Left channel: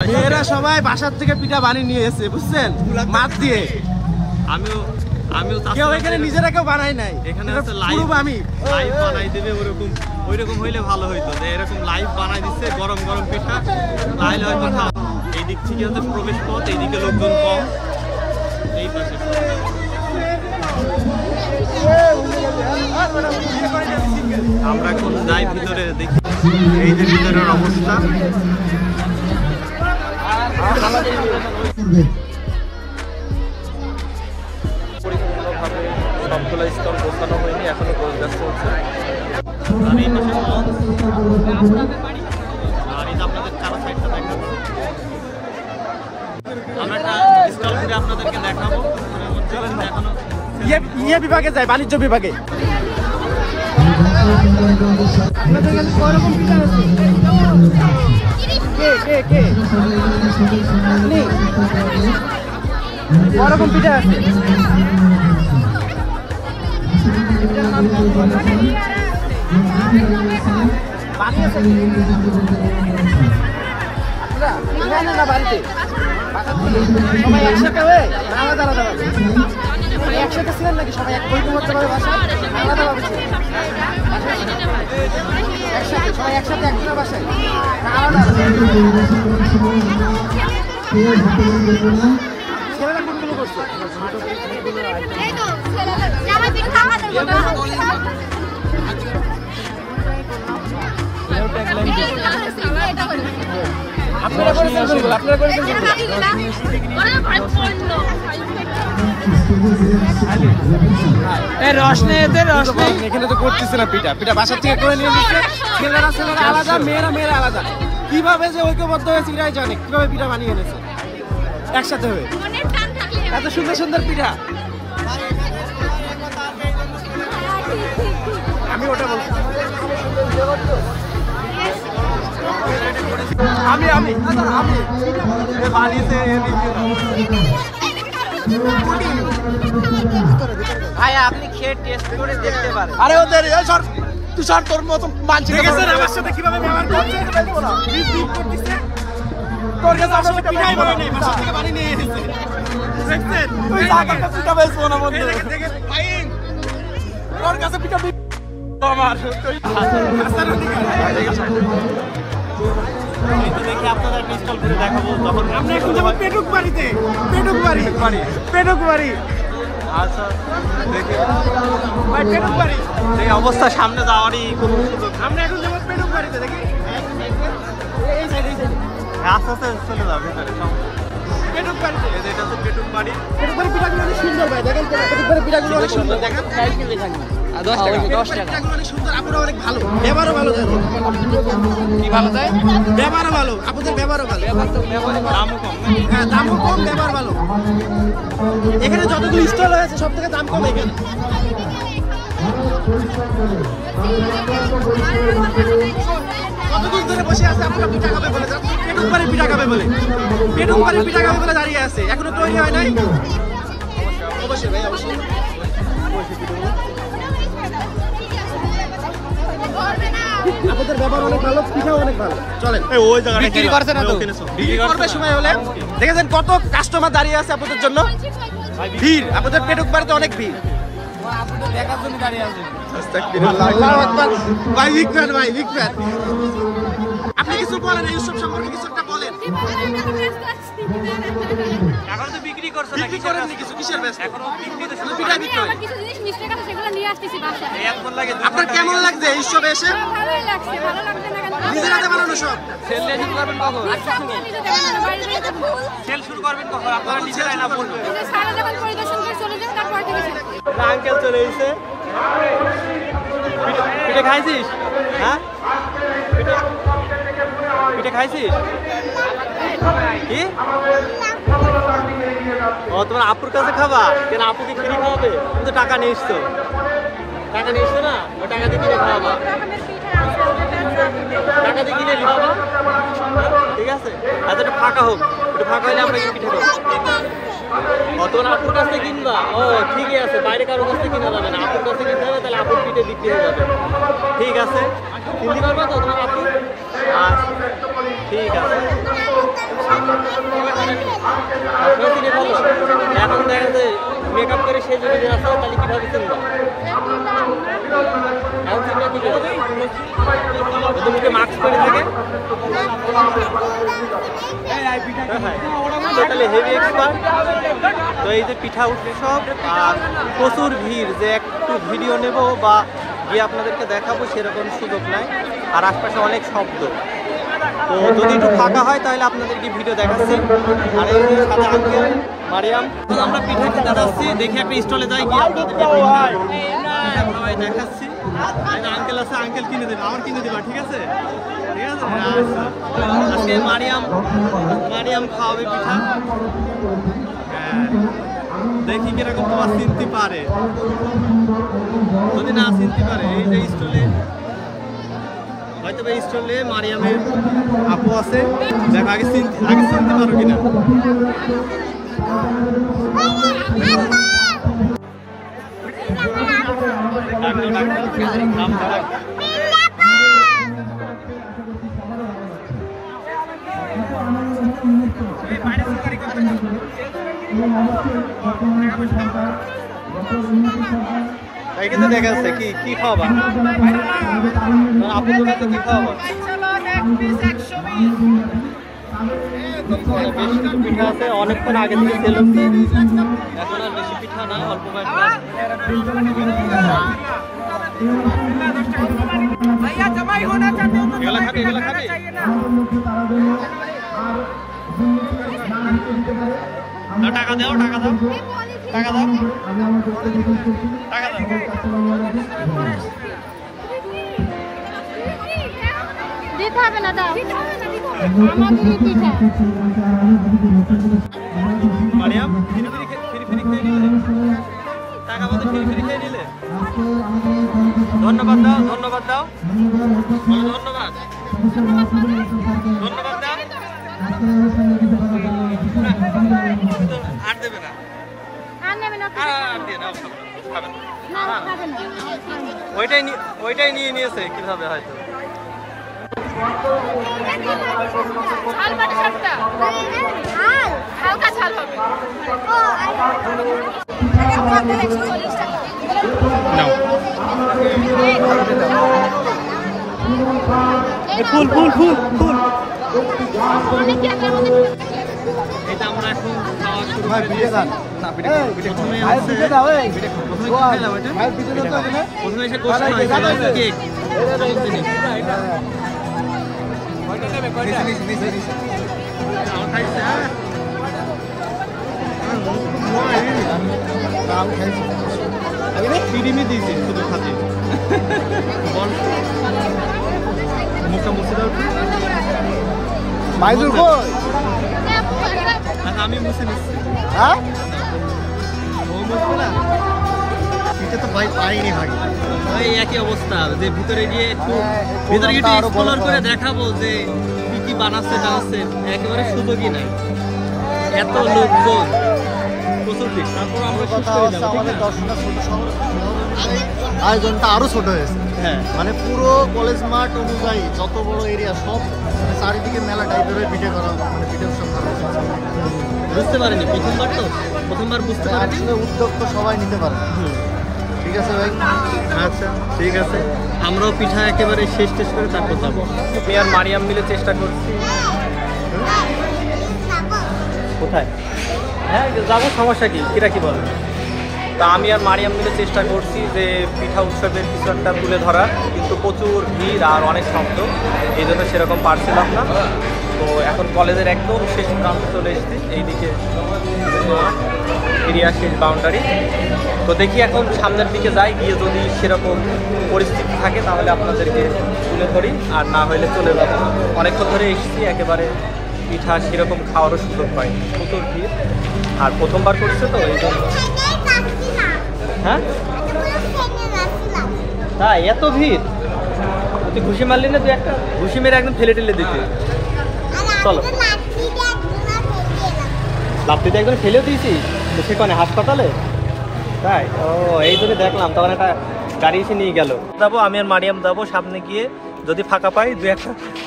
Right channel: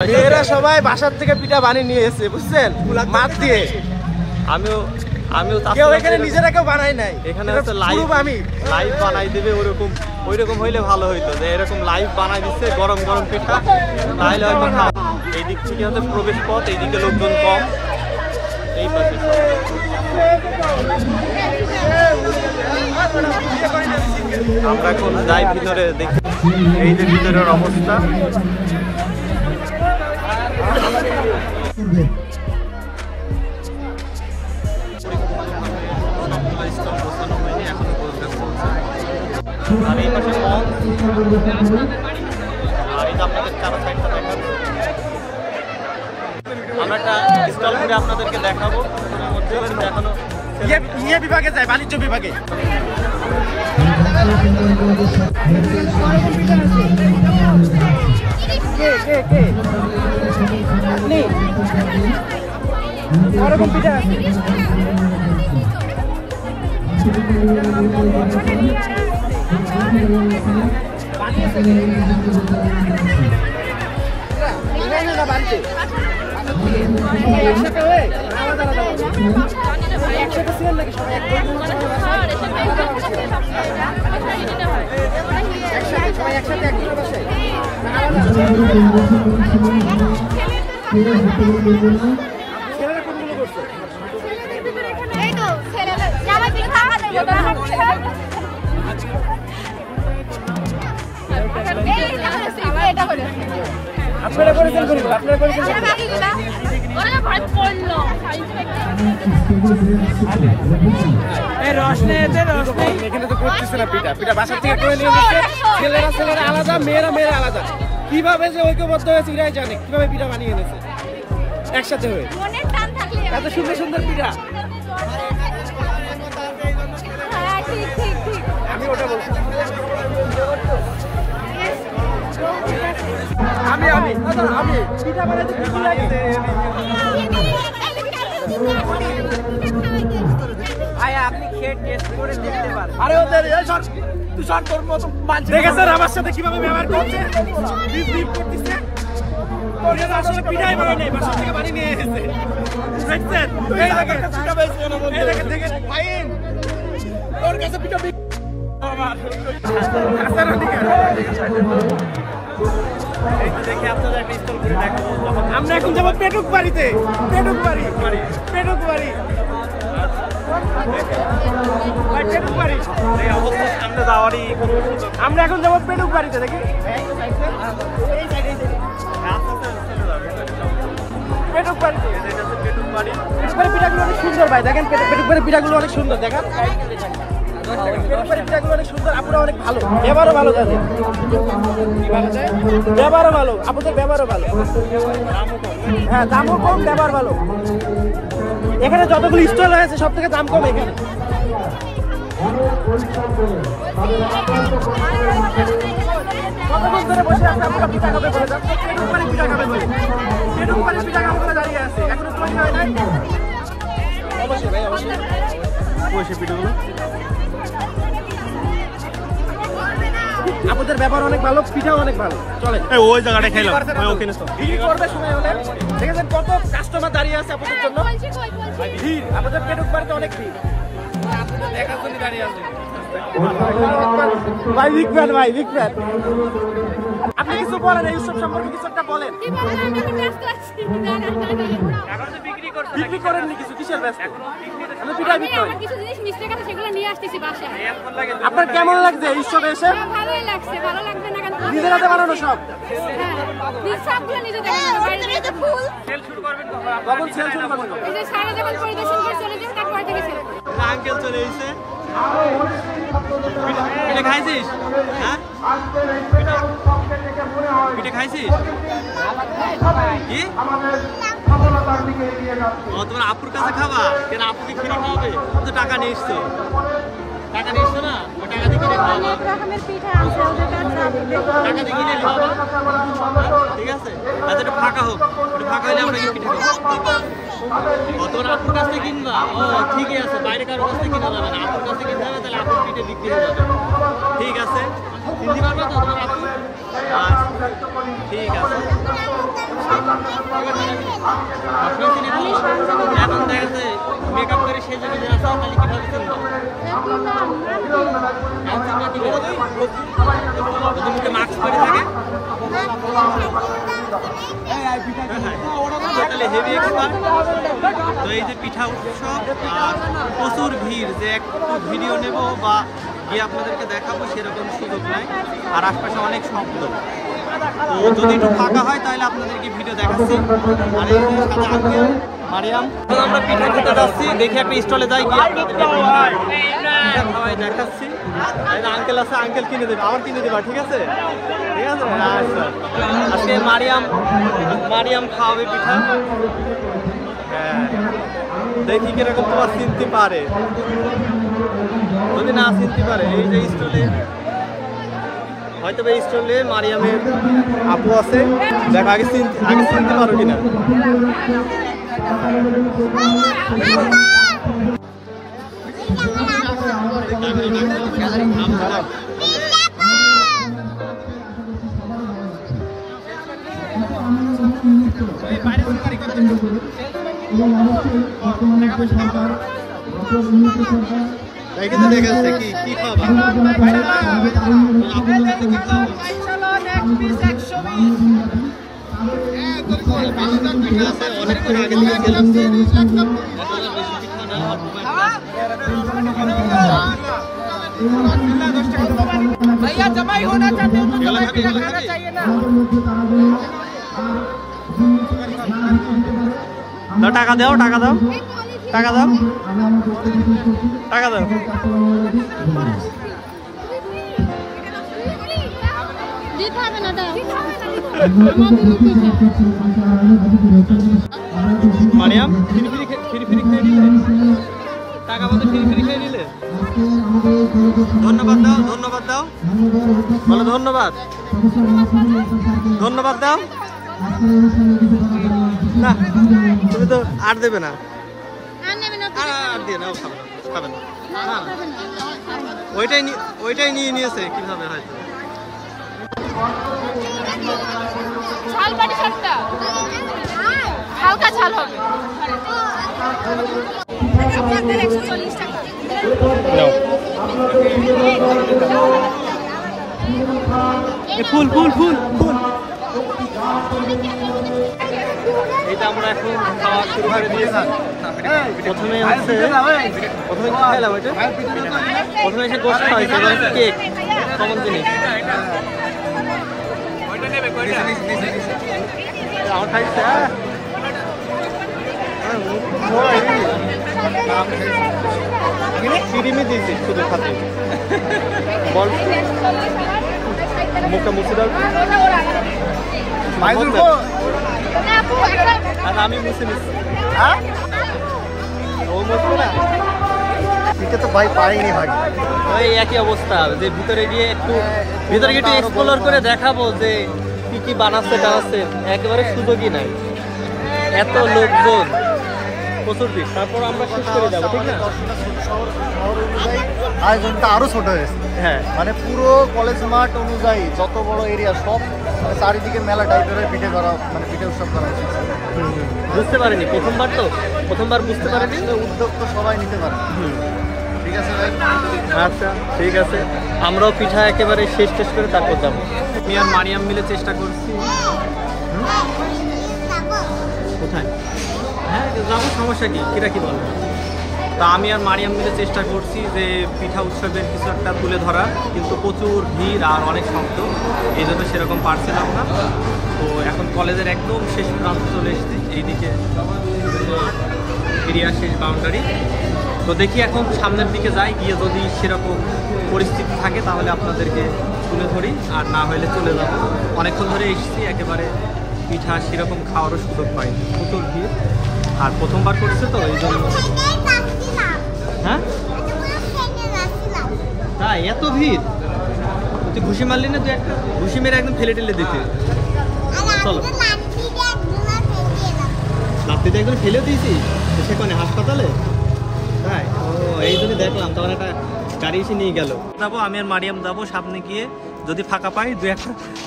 মেয়েরা সবাই বাসার থেকে পিঠা বানিয়ে নিয়ে এসেছে, বুঝছেন, মাছ দিয়ে। আমিও কেউ এখানে নিজেরা কেউ বানাই নাই, এখানে হচ্ছে লাইভ বানাই দেবে। ওইরকম হইলে ভালো হইতো, যে এরকম লাইভ বানাই দিচ্ছে গরম গরম পিঠা, তাহলে হয়তো খাওয়া। এই দিক থেকে হচ্ছে প্রবেশ পথ, এইদিকে লোকজন কম, এই পাশে আমরা এখন যাই ভিতরে দেখি। এই যে ভিতরের অবস্থা, পরিপূর্ণভাবে সবগুলো স্টল গোছানো হয়নি, এখনো গোছগাছ চলছে। আর এই পাশে মন, আর এই যে আপনাদের চারো সাইডটা দেখাবো। আমরা একটা স্টল ঘুরে আপনাদেরকে দেখাবো। এখনো ইয়ে বিভাগে যায়, বাণিজ্য বিভাগে। ওরকম পিঠা আছে, বাড়িতে সবাই একসাথে হয়ে আলাদা আলাদা একসাথে ছিলেন নাকি? সবাই এক বই করতে পারে বাসায় আলাদা ভাবে ছিলেন একসাথে, সবাই একসাথে একজনের বাসায় আলাদা। ছেলেরা কোনগুলো করছে? আপনারা করেছেন কোনগুলো? আপনারা করেছেন কোনগুলো? এখানে তো করতেছে না পিঠা, পিঠা বাসার থেকে করে নিয়ে যাচ্ছে। ছেলেরা আলাদা, মেয়েরা আলাদা। কিভাবে যে ঐক্যবদ্ধ হয়েছে এরাই জানে, কিভাবে পিঠা বানিয়ে এনেছে একসাথে হয়ে। এত সুন্দর সুন্দর পিঠা। আমি ওটা বলছি, আমি বানিয়েছে। দেখেছেন আমার সাথে কিভাবে ব্যবহার করছে, পিঠাই বানায় নাই, বাসার থেকে বানিয়ে নিয়ে এসেছে। আমরা এখন যাবো পেটুক বাড়িতে, পেটুক বাড়ি। আচ্ছা, পেটুক বাড়ি এই অবস্থা সামনে যাওয়ারই কোনো সুযোগ। আমরা এখন যাবো পেটুক বাড়িতে, দেখি এই সাইডে আস্তে আস্তে চলে যাবে পেটুক বাড়িতে। এটা হচ্ছে পেটুক বাড়ি। পেটুক বাড়ির পিঠাগুলো অনেক সুন্দর ভাই, দেখেন পেটুক বাড়ির পিঠাগুলো অনেক সুন্দর। দেখেন পেটুক বাড়ির পিঠাগুলো অনেক সুন্দর, আপুরা অনেক ভালো, ব্যবহারও ভালো। ব্যবহারও ভালো, আপুদের ব্যবহারও ভালো, দামও কম। হ্যাঁ দামও কম, ব্যবহার ভালো। এখানে যতগুলো স্টল রয়েছে সব থেকে দাম কম এখানে। কতক্ষণ ধরে বসে আছে আপুরা পিঠা খাবে বলে, পেটুক বাড়ির পিঠা খাবে বলে, পেটুক বাড়ির পিঠা খাবে বলে দাঁড়িয়ে আছে, এখনো তৈরি হয় নাই। অবশ্যই আপনাদের ব্যবহার অনেক ভালো, পিঠাও অনেক ভালো। চলেন বিক্রি করবে সময় হলে। দেখেছেন কত কাস্টমার দাঁড়িয়ে আছে আপনাদের জন্য, ভিড়। আপনাদের পেটুক বাড়িতে অনেক ভিড়, আপনাদের দেখার জন্য দাঁড়িয়ে আছে। ভাই বিগ ফ্যান। আপনি কিছু বলেন এই উৎসব সম্পর্কে, কিছু একটা বলেন। এখন তো বিক্রি করেননি কিছু, কিসের ব্যস্ত? পিঠাই বিক্রি হয়। আপনার কেমন লাগছে এই উৎসবে এসে? নিজের হাতে বানানো সব। সেল শুরু করবেন কখন? কখন সেল শুরু করবেন? আঙ্কেল চলে এসেছে। পিঠে খাইছিস? হ্যাঁ পিঠে খাইছিস কি? ও তোমার আপুর কাছে খাবা কেন? আপুকে ফ্রি খাওয়াবে? তুমি তো টাকা নিয়ে এসছো না, ওই টাকা দিয়ে কিনে খাওয়াবা। টাকা দিয়ে কিনে খাওয়াবা, ঠিক আছে? আচ্ছা একটু ফাঁকা হোক, একটু ফাঁকা হলে আমরা কি পিঠা খাবো। তোমার আপুর কাছ থেকে কিনবা? ও ঠিকই আছে, বাইরে কারোর কাছ থেকে কিনা যাবে না, আপুর কাছে কিনতে হবে, তাহলে আপুর পিঠে বিক্রি হয়ে যাবে। ঠিক আছে, চিনতে পারবা তো তোমার আপু? ঠিক আছে, সবসময় চিনে ফেলো। এখন দেখা যাচ্ছে মেকআপ করে সেই জমি আছে, তাহলে কিভাবে চিনবা? এখন চিনবা কি করে? তো মুখে মাস্ক পরে থাকে। তাহলে হেভি এক্সপার্ট। তো এই যে পিঠা উৎসব আর প্রচুর ভিড়, যে একটু ভিডিও নেব বা গিয়ে আপনাদেরকে দেখাবো সেরকম সুযোগ নাই, আর আশপাশে অনেক শব্দ। তো যদি একটু ফাঁকা হয় তাহলে আপনাদেরকে ভিডিও দেখাচ্ছি। আর এই যে সাথে আঙ্কেল মারিয়াম, এখন আমরা পিঠা খেতে যাচ্ছি, দেখি একটা স্টলে যাই, গিয়ে আপনাদেরকে পিঠা খাওয়াই দেখাচ্ছি। আঙ্কেল আছে, আঙ্কেল কিনে দেবে, আবার কিনে দেবা, ঠিক আছে? ঠিক আছে, আচ্ছা। আজকে মারিয়াম খাওয়াবে পিঠা। হ্যাঁ, দেখি কিরকম তোমার চিনতে পারে, যদি না চিনতে পারে। এই যে স্টলে, হয়তো এই স্টলে মারিয়ামের আপু আছে, দেখো আগে চিনতে পারো কিনা। তাই কিন্তু দেখা যাচ্ছে কি খাওয়াবা আপু, তোমাকে কি খাওয়াবা? পিঠা আছে, অনেকক্ষণ আগে থেকে সেল হচ্ছে, এখন আর বেশি পিঠা না, অল্প কয়েকটা। এগুলো খাবি, এগুলো খাবি? টাকা দাও, টাকা দাও, টাকা দাও, টাকা দাও। মারিয়াম ফিরি ফিরি খেয়ে নিলে, টাকা পয়সা ফিরি খেয়ে নিলে। ধন্যবাদ দাও, ধন্যবাদ দাও, বলো ধন্যবাদ, ধন্যবাদ দাও। না তুমি তো আর দেবে না, আর দিয়ে নাও, খাবেন না, ওইটাই নিয়ে নিয়েছে কিভাবে হয়তো। ফুল ফুল ফুল ফুল। এইটা আমরা এখন খাওয়া শুরু করে দিয়েছি। প্রথমে কি খাইলাম? এটা প্রথমে এসে গোস্ত খাওয়াইছে, এবার কেক, কমন জিনিস। আমার খাইছে ক্রিমই দিয়েছি শুধু খাতে। বল মুখটা মুছে দাও। আচ্ছা আমি মুছে নিচ্ছি। হ্যাঁ ও মুছবে না, এটা তো ভাই পাইনি ভাই। এই একই অবস্থা, যে ভিতরে গিয়ে একটু এক্সপ্লোর করে দেখাবো যে কি কি বানাচ্ছে টানাচ্ছে, একেবারে সুযোগই নাই, এত লোকজন, প্রচুর ভিড়। তারপর আমরা শেষ করে যাবো, ঠিক না? শহর অনুযায়ী আয়োজনটা আরো ছোট হয়েছে। হ্যাঁ, মানে পুরো কলেজ মাঠ অনুযায়ী যত বড় এরিয়া সব মানে চারিদিকে মেলা টাইপের পিঠে করা, মানে পিঠে উৎসব করা উচিত। বুঝতে পারিনি, প্রথমবার বুঝতে পারিনি। উদ্যোগ তো সবাই নিতে পারে। ঠিক আছে ভাই, আচ্ছা ঠিক আছে, আমরাও পিঠা একেবারে শেষ করে তারপর যাবো। আর মারিয়াম মিলে চেষ্টা করছি। কোথায়? হ্যাঁ যাবো, সমস্যা কিরা কি বলে। তা আমি আর মারিয়াম মিলে চেষ্টা করছি যে পিঠা উৎসবের কিছু একটা তুলে ধরা, কিন্তু প্রচুর ভিড় আর অনেক শব্দ, এই জন্য সেরকম পারছিলাম না। তো এখন কলেজের একদম শেষ প্রান্তে চলে এসেছি, এইদিকে এরিয়া শেষ বাউন্ডারি। তো দেখি এখন সামনের দিকে যাই, গিয়ে যদি সেরকম পরিস্থিতি থাকে তাহলে আপনাদেরকে তুলে ধরি, আর না হইলে চলে যাবো। অনেকক্ষণ ধরে এসেছি, একেবারে পিঠা সেরকম খাওয়ারও সুযোগ পাইনি, প্রচুর ভিড়, আর প্রথমবার করছে তো এই জন্য। হ্যাঁ তাই এত ভিড়? তুই ঘুষি মারলি না, তুই একটা ঘুষি মেরে একদম ফেলে টেলে দিতে। চলো লাফটিতে একদম ফেলেও দিয়েছি সেখানে হাসপাতালে, তাই? ও এই জন্য দেখলাম, তখন একটা গাড়ি এসে নিয়ে গেল। যাবো আমি আর মারিয়াম যাবো সামনে গিয়ে, যদি ফাঁকা পাই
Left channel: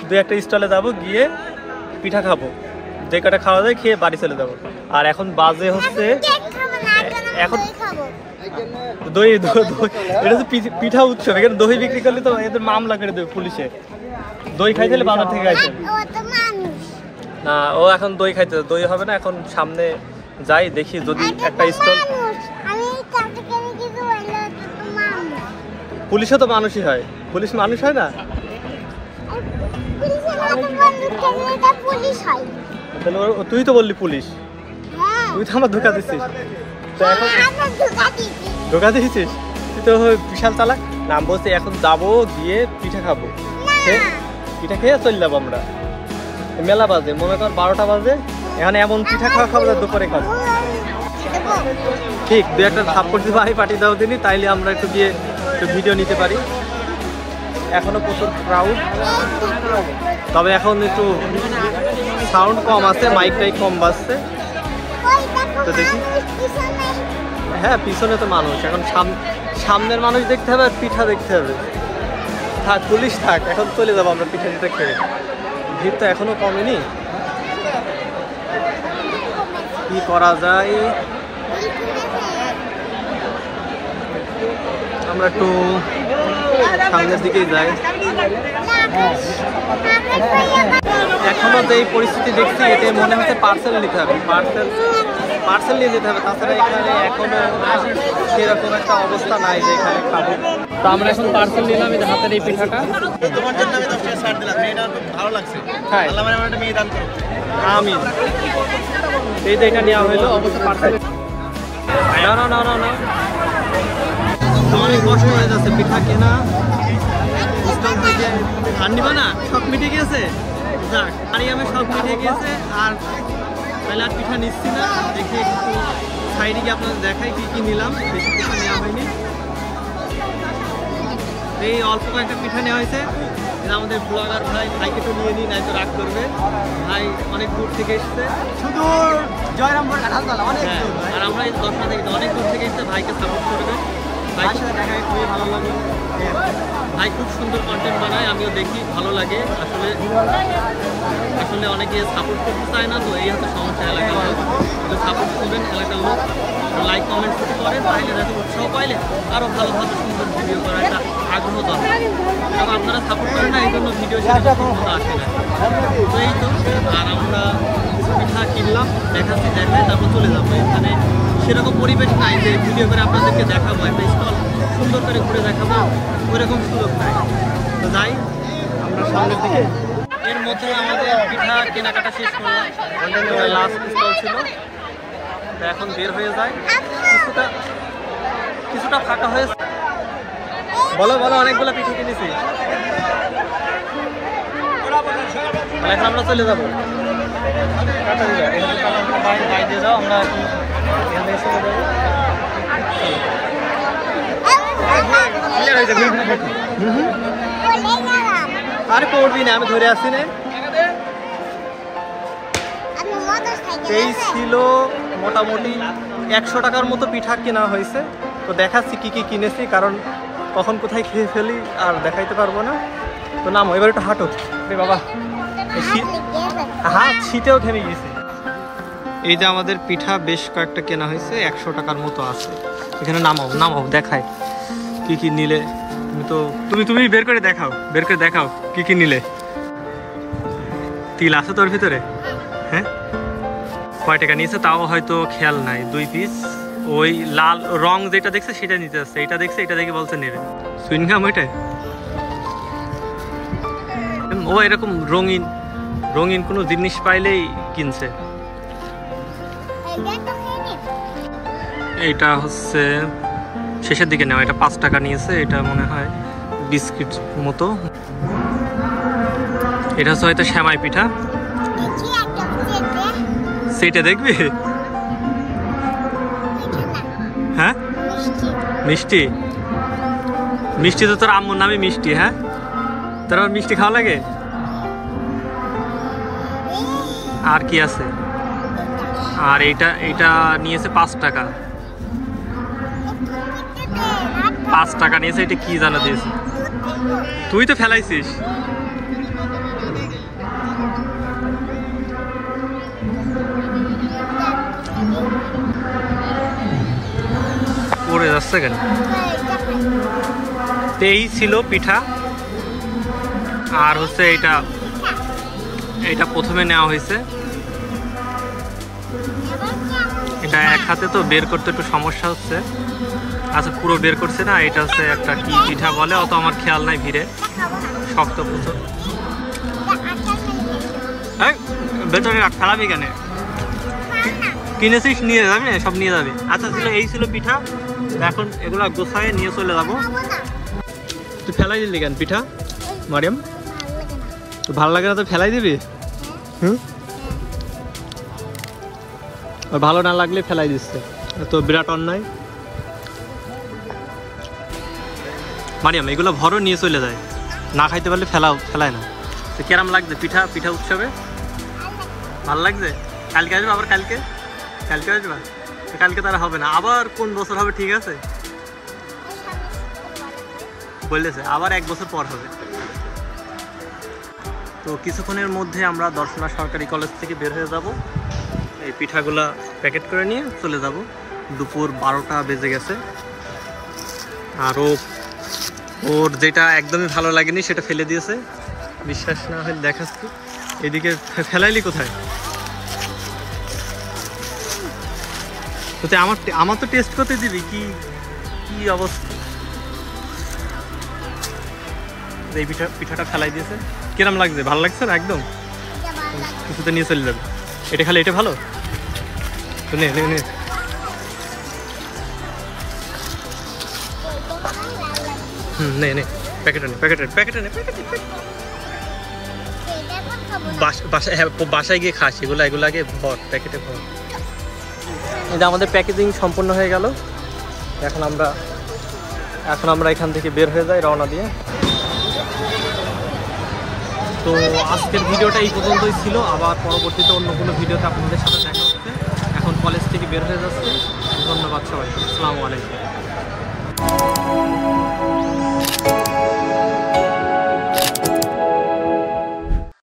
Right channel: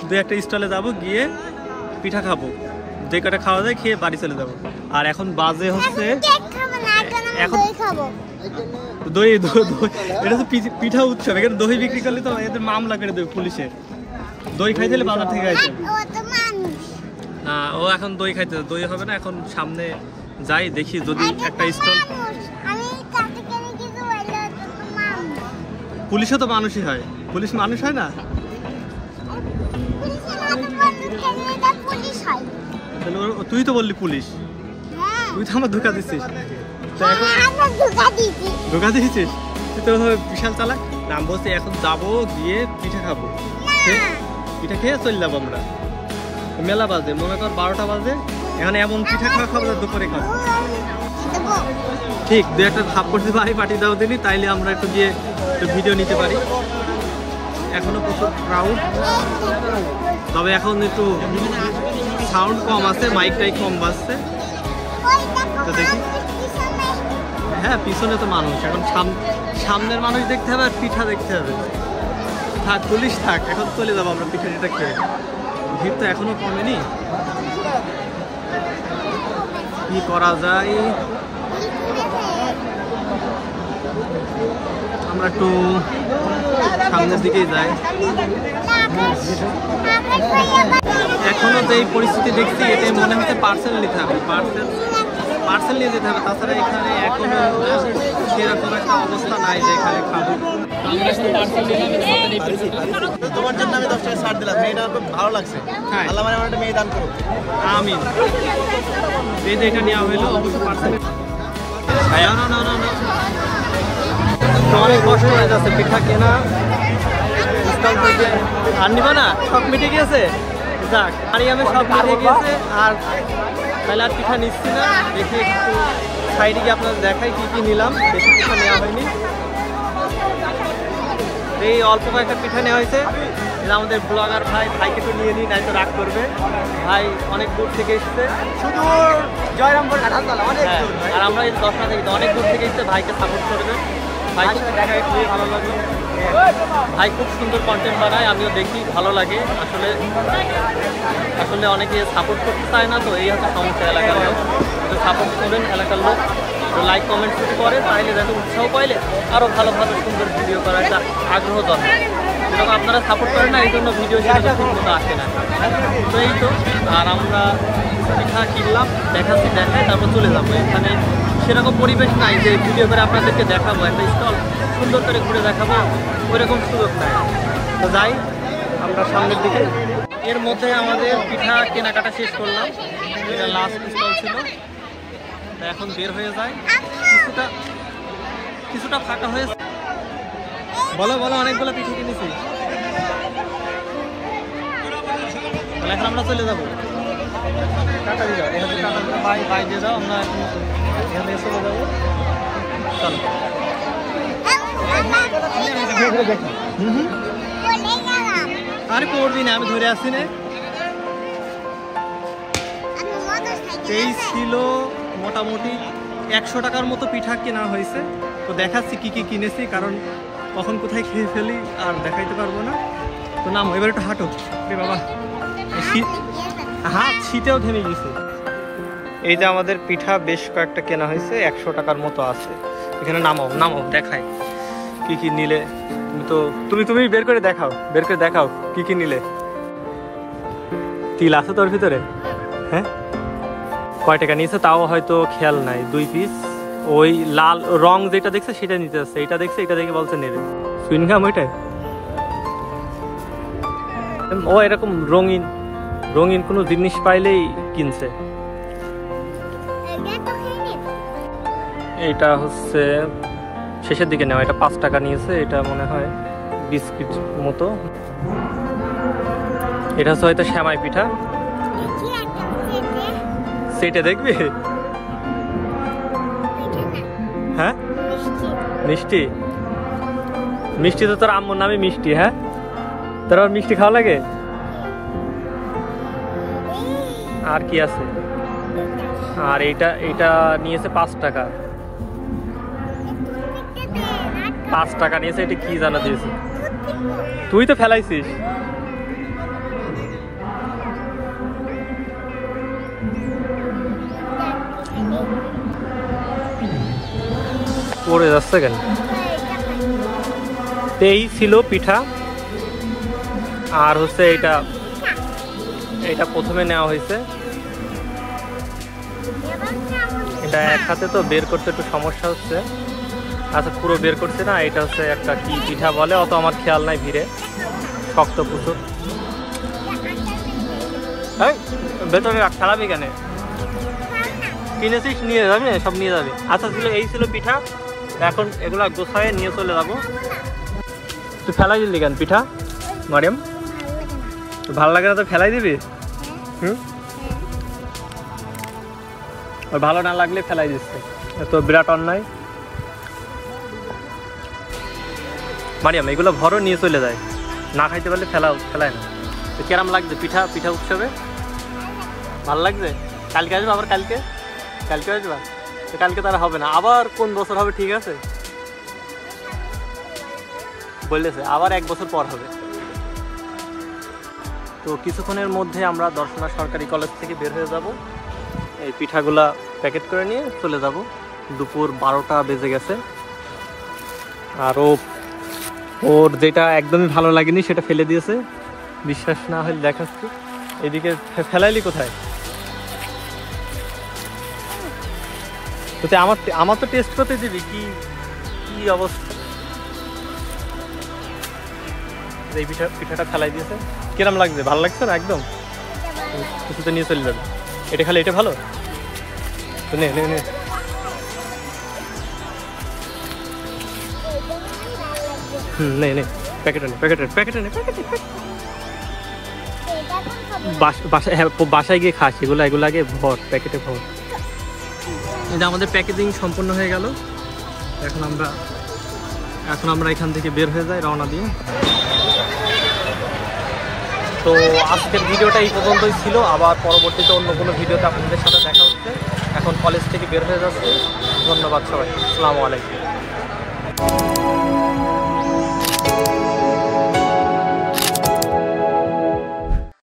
দুই একটা স্টলে যাবো, গিয়ে পিঠা খাবো, যে কটা খাওয়া যায় খেয়ে বাড়ি চলে যাবো। আর এখন বাজে হচ্ছে এখন দই, এটা তো পিঠা উৎসব, এখানে দই বিক্রি করলে তো এদের মামলা করে দেবে পুলিশে। দই খাইতে হলে বাজার থেকে খাইতে না, ও এখন দই খাইতে, দই হবে না এখন। সামনে যাই দেখি যদি একটা স্টল। পুলিশও তো মানুষই হয়, পুলিশ মানুষ হয় না? তুই তো বললি পুলিশ, তুই তো আমার ধোকা দিচ্ছিস। তো এখন ধোকা দিয়েছিস তুই তো, বিশাল চালাক। নাম বলছি এখন যাবো, গিয়ে পিঠা খাবো, পিঠা খেয়ে চলে যাবো আমরা। মেলা বাজে, মনে কর 12টা বাজে, এখানে এমন পিঠা খাবো দুপুরে খাবো। ঠিক, দু একটা থাপ করতে ভাই পাঠিয়ে দাও দিনই, তাইলে আমরা একটু গিয়ে একটু ভিডিও নিতে পারি। এখনো প্রচুর ক্রাউড, তবে এখন একটু সাউন্ড কম আছে, মাইকটাই কম বাজছে। তো দেখি, হ্যাঁ পিছনে তো মানুষ, এখন সামনের মানুষ দেখতে হবে আর পিঠা দেখতে হবে। থাক পুলিশ থাক, এখন চলে যাবো আমরা পিঠা টিঠা খেয়ে। ভিড় তো এখনো কমেনি, কি করা যায়? আমরা একটু সামনের দিকেই যাই। এখনো যে এই পরিস্থিতি দেখছি, এতে মনে হচ্ছে পার্সেল নিতে হবে, পার্সেল নিয়ে যেতে হবে। তাছাড়া এখানে এখনো সেরকম একটা অবস্থা নাই যে এখানে খাবো। তো আমরা এখন পার্সেল নিলাম, এই হাতের এই পিঠাটা। তোমার জন্য আমি 10 টাকা ছাড় দিলাম, মেয়েটা খুব ভালো লাগছে। হ্যাঁ, আল্লাহ মানে আমাকে মেয়ে দান করো। আমিন। এই যে এটা নেওয়া হলো, অবশ্য পার্সেল না তো অনেক কষ্ট হয়ে যাচ্ছে পিঠা কেনা। আর নিবা না, সব মিটে গিয়েছে। যাক, মারিয়ামের সব মিটে গিয়েছে, আর তাহলে আর পিঠা নিচ্ছি না। দেখি একটু সাইডে গিয়ে আপনাদের দেখাই কি কি নিলাম। বেশি পিঠা নেওয়া হয়নি, এই অল্প কয়েকটা পিঠা নেওয়া হয়েছে। এটা আমাদের ব্লগার ভাই কিছু নিয়ে নিই, নাই তো রাগ করবে। ভাই অনেক দূর থেকে এসছে, শুধু জয়রামপুর কাঁঠালতলা, অনেক দূর। আর আমরা এই 10টা থেকে অনেক দূর থেকে এসছে, ভাইকে সাপোর্ট করবে। ভাইয়ের সাথে দেখা খুবই ভালো লাগলো। ভাই খুব সুন্দর কন্টেন্ট বানায়, আমিও দেখি, ভালো লাগে। আসলে অনেকে সাপোর্ট করতে চায় না, তো এই হচ্ছে সমস্যা। এলাকার লোক একটু সাপোর্ট করবেন, এলাকার লোক একটু লাইক কমেন্ট যদি করে, তাহলে দেখো উৎসাহ পাইলে আরও ভালোভাবে সুন্দর ভিডিও করার একটা আগ্রহ দরকার। যেরকম আপনারা সাপোর্ট করেন না, এই জন্য ভিডিও সেরকম ঠিক মতো আসে না। তো এই তো, আর আমরা পিঠা কিনলাম, দেখাচ্ছি, দেখায় তারপর চলে যাবো। এখানে সেরকম পরিবেশ নাই যে ভিডিও করে আপনাদেরকে দেখাবো, একটা স্টল সুন্দর করে ঘুরে দেখাবো, ওইরকম সুযোগ নাই। তো যাই আমরা সামনের দিকে। এর মধ্যে আমাদের পিঠা কেনাকাটা শেষ করলাম, এটা লাস্ট স্টল ছিল। তো এখন বের হয়ে যায়, কিছুটা ফাঁকা হয়েছে। বলো অনেকগুলো পিঠা কিনেছি, এখন আমরা চলে যাবো। ভাই দিয়ে দাও, আমরা এখন এখান থেকে চলে যাবো। চলো, আরে পড়বি না, আমি ধরে আসছি না। এই ছিল মোটামুটি 100 টাকার মতো পিঠা কেনা হয়েছে। তো দেখাচ্ছি কি কি কিনেছি, কারণ কখন কোথায় খেয়ে ফেলি আর দেখাইতে পারবো না। তো নামো, এবার একটু হাঁটো। রে বাবা, হাত শীতেও থেমে গেছে। এই যে আমাদের পিঠা বেশ কয়েকটা কেনা হয়েছে, 100 টাকার মতো আছে। এখানে নামাও দেখাই কি কি নিলে। তুমি বের করে দেখাও কি কি নিলে। তিল আছে তোর ভিতরে? হ্যাঁ, কয় টাকা নিয়েছে তাও হয়তো খেয়াল নাই। 2 পিস ওই লাল রং যেটা দেখছে সেটা নিতে আসছে, এটা দেখছে, এটা দেখে বলছে নেবে। সুইনগাম ওইটাই, ও এরকম রঙিন কোনো জিনিস পাইলেই কিনছে। এইটা হচ্ছে শেষের দিকে নেওয়া, এটা 5 টাকা নিয়েছে। এটা মনে হয় বিস্কিট মতো। এটা হচ্ছে হয়তো শ্যামাই পিঠা। সেটা দেখবি? হ্যাঁ, মিষ্টি তো তোর আম্মুর নামে মিষ্টি। হ্যাঁ, তোর আবার মিষ্টি খাওয়া লাগে? আর কি আছে? আর এইটা নিয়েছে 5 টাকা। 5 টাকা নিয়েছে। এটা কি জানা দিয়েছে? তুই তো ফেলাইছিস। পড়ে যাচ্ছে কেন? এই ছিল পিঠা। আর হচ্ছে এটা প্রথমে নেওয়া হয়েছে। এটা এক হাতে তো বের করতে একটু সমস্যা হচ্ছে। আচ্ছা, পুরো বের করছে না। এটা হচ্ছে একটা কি পিঠা বলে, অত আমার খেয়াল নাই। ভিড়ে শক্ত পুতো। ভেতরে রাখ, ফেলাবি কেন? কিনেছিস, নিয়ে যাবি না? সব নিয়ে যাবি। আচ্ছা, এই ছিল পিঠা। এখন এগুলা গোছায় নিয়ে চলে যাবো। তুই ফেলাই দিলি কেন পিঠা মারিয়াম? ভালো লাগে না তো ফেলাই দিবি? হুম, ভালো না লাগলে ফেলাই দিচ্ছে। তো বিরাট অন্যায়। মারিয়াম, এগুলো ভরো, নিয়ে চলে যায়। না খাইতে পারলে ফেলায় না। তো কেরাম লাগছে পিঠা উৎসবে? ভালো লাগছে? কালকে আসবে আবার? কালকে আসবা? তো কালকে তারা হবে না, আবার কোন বছর হবে? ঠিক আছে, বললেছে আবার 1 বছর পর হবে। তো কিছুক্ষণের মধ্যে আমরা দর্শনা সরকারি কলেজ থেকে বের হয়ে যাব। এই পিঠাগুলা প্যাকেট করে নিয়ে চলে যাব। দুপুর 12টা বেজে গেছে। আরও ওর যেটা একদমই ভালো লাগেনি সেটা ফেলে দিয়েছে। বিশ্বাস না হলে দেখাচ্ছি। এদিকে ফেলাইলি কোথায়? আমার তো টেস্ট করতে দিবি। কি অবস্থা? এই পিঠাটা ফেলাই দিয়েছে। কিরম লাগছে? ভালো লাগছে না? একদম কিছুতে নিয়ে চলে যাবে। এটা খালি, এটা ভালো তো। নে নে প্যাকেটে নে। বাসায় গিয়ে খাস এগুলো আগে ভর প্যাকেটে ভর। এটা আমাদের প্যাকেজিং সম্পূর্ণ হয়ে গেল। এখন আমরা এখান থেকে বের হয়ে যাই রওনা দিয়ে। তো আজকের ভিডিওটা এই পর্যন্তই ছিল। আবার পরবর্তীতে অন্য কোনো ভিডিওতে আপনাদের সাথে দেখা হচ্ছে। এখন কলেজ থেকে বের হয়ে যাচ্ছে। ধন্যবাদ সবাই। আসসালামু আলাইকুম।